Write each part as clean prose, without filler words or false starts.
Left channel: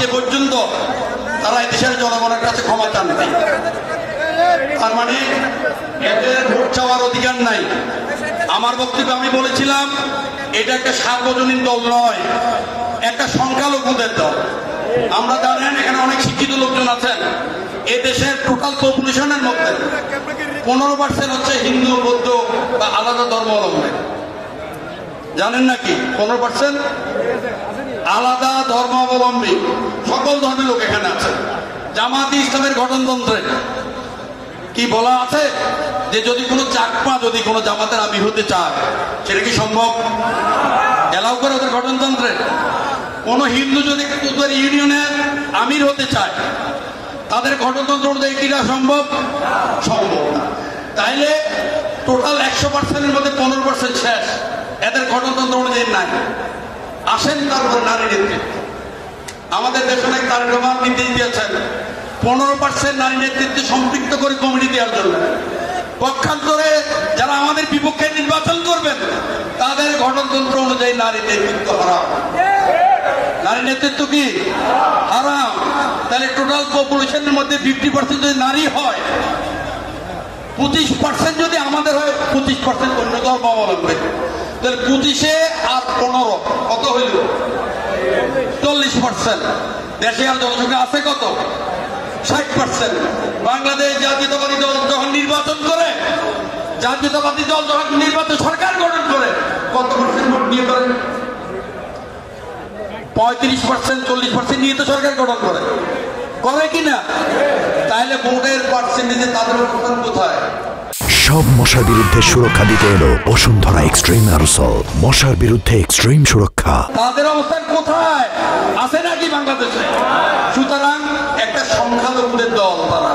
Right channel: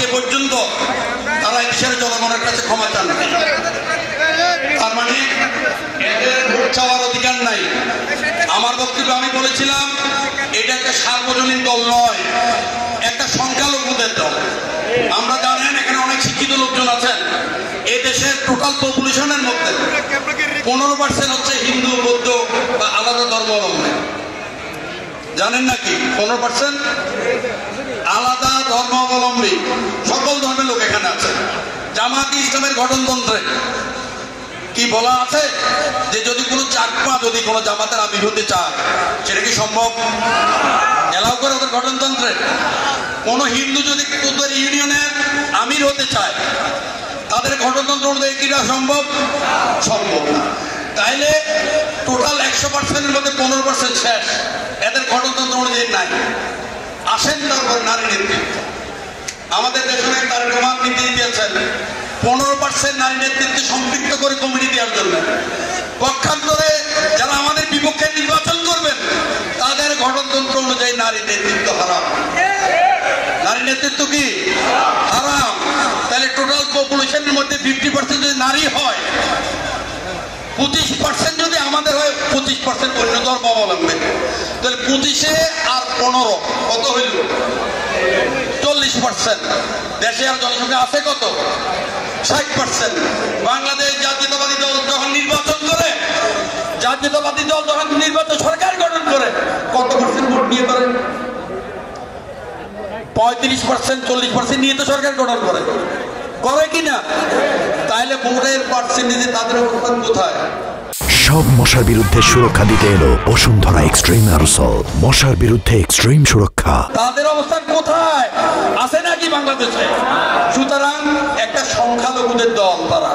আজকে পর্যন্ত তারা দেশের জনগণের কাছে ক্ষমা চান। তার মানে এদের ভোট চাওয়ার অধিকার নাই। আমার বক্তব্যে আমি বলেছিলাম এটা একটা সার্বজনীন দল নয়, একটা সংখ্যালঘুদের দল। আমরা জানেন এখানে অনেক শিক্ষিত লোকজন আছেন। এই দেশের টোটাল পপুলেশনের মধ্যে 15% হচ্ছে হিন্দু, বৌদ্ধ বা আলাদা ধর্মাবলম্বী। জানেন নাকি 15% আলাদা ধর্মাবলম্বী সকল ধর্মের লোক এখানে আছে। জামাতে ইসলামের গঠনতন্ত্রে কি বলা আছে যে যদি কোনো চাকমা যদি কোনো জামাতের আমির হতে চায় সেটা কি সম্ভব? এলাও করে ওদের গঠনতন্ত্রে। কোন হিন্দু যদি তোদের ইউনিয়নের আমির হতে চায় তাদের গঠনতন্ত্র অনুযায়ী কিনা সম্ভব? সম্ভব না। তাইলে টোটাল 100%-এর মধ্যে 15% শেষ, এদের গঠনতন্ত্র অনুযায়ী নাই। আসেন তারপরে নারী নেতৃত্ব। আমাদের দেশে অনেক নারী রোমান নীতি দিয়েছেন 15% নারী নেতৃত্বে সম্পৃক্ত করে কমিটি দেওয়ার জন্য। পক্ষান্তরে যারা আমাদের বিপক্ষে নির্বাচন করবেন তাদের গঠনতন্ত্র অনুযায়ী নারী নেতৃত্ব হারাম। নারী নেতৃত্ব কি হারাম? তাহলে টোটাল পপুলেশনের মধ্যে 50% যদি নারী হয়, 25% যদি আমাদের হয়, 25% অন্য ধর্মাবলম্বী, তাহলে 25 আর 15 কত হইল? 40%। দেশে আর জনসংখ্যা আছে কত? 60%। বাংলাদেশ জাতীয়তাবাদী দল যখন নির্বাচন করে, জাতীয়তাবাদী দল যখন নির্বাচন সরকার গঠন করে, কত পার্সেন্ট ভোট নিয়ে করে? 35%, 40% নিয়ে তো সরকার গঠন করে, করে কিনা? তাহলে ভোটের পার্সেন্টেজে তাদের অবস্থান কোথায়? সব মশার বিরুদ্ধে সুরক্ষা দিতে এলো বসুন্ধরা এক্সট্রিম অ্যারোসল। মশার বিরুদ্ধে এক্সট্রিম সুরক্ষা। তাদের অবস্থান কোথায়? আছে নাকি বাংলাদেশে? সুতরাং একটা সংখ্যালঘুদের দল তারা।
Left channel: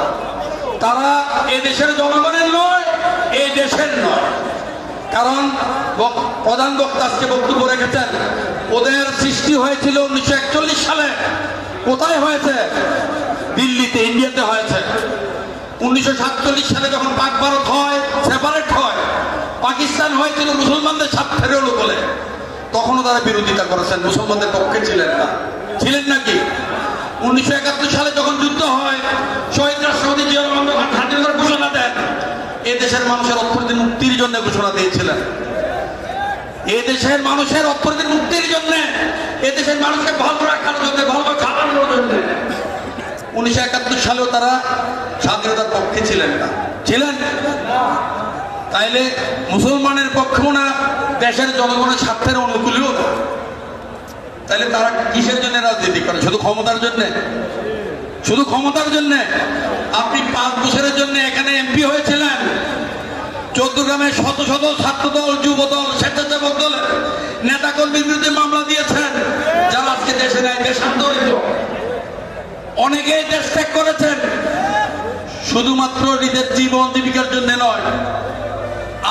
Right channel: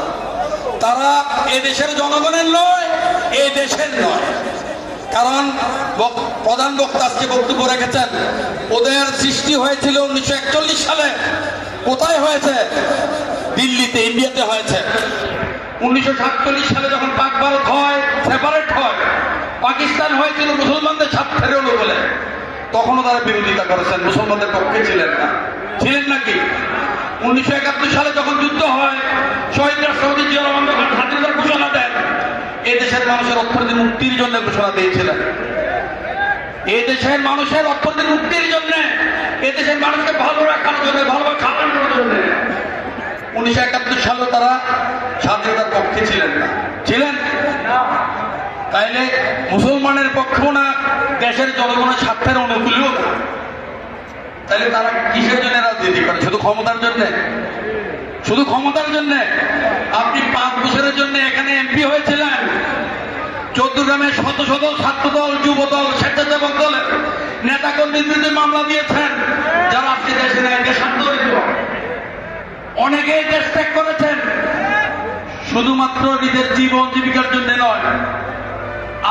তারা এই দেশের জনগণের নয়, এই দেশের নয়। কারণ প্রধান বক্তা আজকে বক্তব্য রেখেছেন, ওদের সৃষ্টি হয়েছিল 1941 সালে। কোথায় হয়েছে? দিল্লিতে, ইন্ডিয়াতে হয়েছে। 1947 সালে যখন পাক ভারত হয়, সেপারেট হয়, পাকিস্তান হয়েছিল মুসলমানদের স্বার্থের হলো বলে, তখনও তারা বিরোধিতা করেছেন, মুসলমানদের পক্ষে ছিলেন না। ছিলেন নাকি? 1971 সালে যখন যুদ্ধ হয়, শহীদ রাষ্ট্রপতি জিয়া রহমান যখন স্বাধীনতার ঘোষণা দেন, এই দেশের মানুষের অর্থনৈতিক মুক্তির জন্য ঘোষণা দিয়েছিলেন। এই দেশের মানুষের অর্থনৈতিক মুক্তির জন্য, এই দেশের মানুষকে ভালো রাখার জন্য, ভালোভাবে খাওয়ানোর জন্য 1971 সালেও তারা স্বাধীনতার পক্ষে ছিলেন না। ছিলেন? তাইলে মুসলমানের পক্ষেও না, দেশের জনগণের স্বার্থের অনুকূলেও না। তাহলে তারা কিসের জন্য রাজনীতি করে? শুধু ক্ষমতার জন্য? শুধু ক্ষমতার জন্য? আপনি 5 বছরের জন্য এখানে এমপি হয়েছিলেন, চৌদ্দগ্রামে শত শত ছাত্রদল, যুবদল, স্বেচ্ছাসেবক দলের নেতা কর্মীর বিরুদ্ধে মামলা দিয়েছেন, যারা আজকে দেশে নেয়, দেশান্তরিত। অনেকেই দেশ ত্যাগ করেছেন, শুধুমাত্র নিজের জীবন জীবিকার জন্য নয়,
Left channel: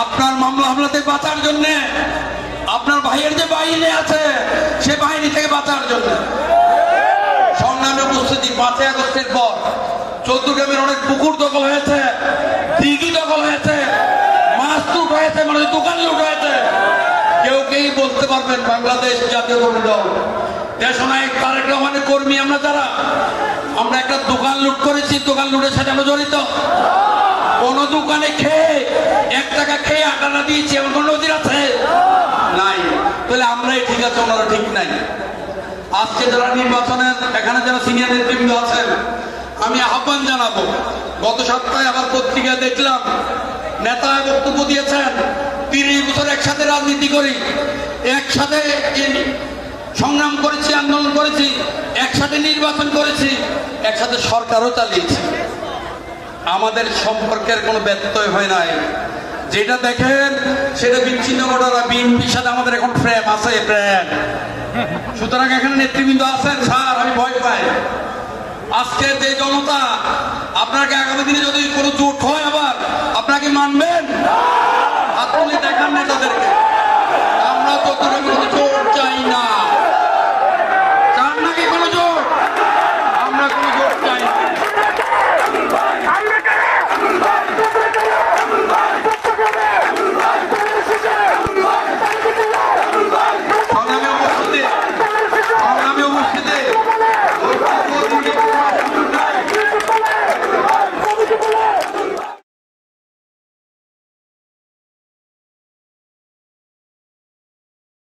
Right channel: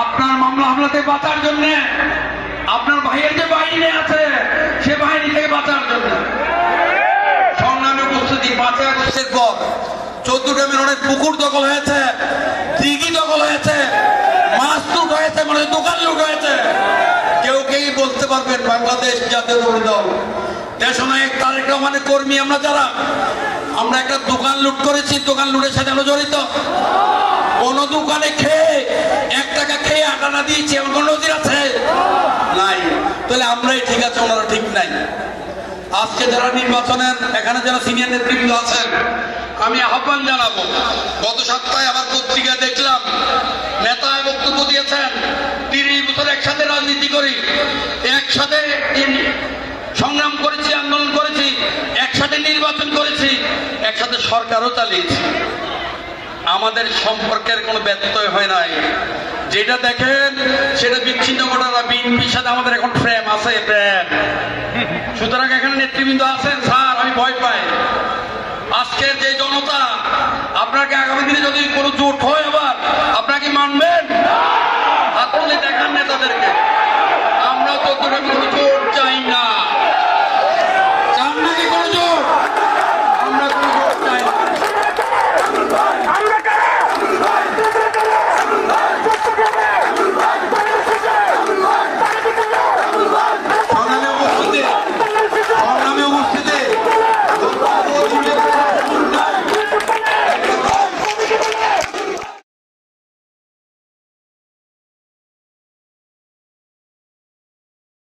আপনার মামলা হামলাতে বাঁচার জন্য, আপনার ভাইয়ের যে বাহিনী আছে সে বাহিনী থেকে বাঁচার জন্য। সংগ্রামে উপস্থিতি 5 আগস্টের পর চৌদ্দগ্রামের অনেক পুকুর দখল হয়েছে, দিঘি দখল হয়েছে, মাছ লুট হয়েছে, মানে দোকান লুট হয়েছে। কেউ বলতে পারবেন বাংলাদেশ জাতীয়তাবাদী দল, দেশনায়ক তারেক রহমানের কর্মী আমরা যারা, আমরা একটা দোকান লুট করেছি, দোকান লুটের সাথে আমরা জড়িত? কোন দোকানে খেয়ে 1 টাকা খেয়ে 8 আনা দিয়েছি এমন কোন নজির আছে? নাই। তাহলে আমরাই ঠিক আছে, ওনারা ঠিক নাই। আজকে যারা নির্বাচনের এখানে যারা সিনিয়র নেতৃবৃন্দ আছেন, আমি আহ্বান জানাবো, গত সপ্তাহে আবার পত্রিকায় দেখলাম নেতা বক্তব্য দিয়েছেন 30 বছর একসাথে রাজনীতি করি, একসাথে সংগ্রাম করেছি, আন্দোলন করেছি, একসাথে নির্বাচন করেছি, একসাথে সরকারও চালিয়েছি, আমাদের সম্পর্কের কোনো ব্যত্যয় হয় নাই। যেটা দেখেন সেটা বিচ্ছিন্ন ঘটনা। বিএনপির সাথে আমাদের এখন প্রেম আছে, প্রেম। সুতরাং এখানে নেতৃবৃন্দ আছেন, স্যার আমি ভয় পাই। আজকে যে জনতা, আপনাকে আগামী দিনে যদি কোনো জোট হয় আবার, আপনাকে মানবেন? হাত তুলে দেখান নেতাদেরকে। আমরা যতটা কোনো জোট চাই না।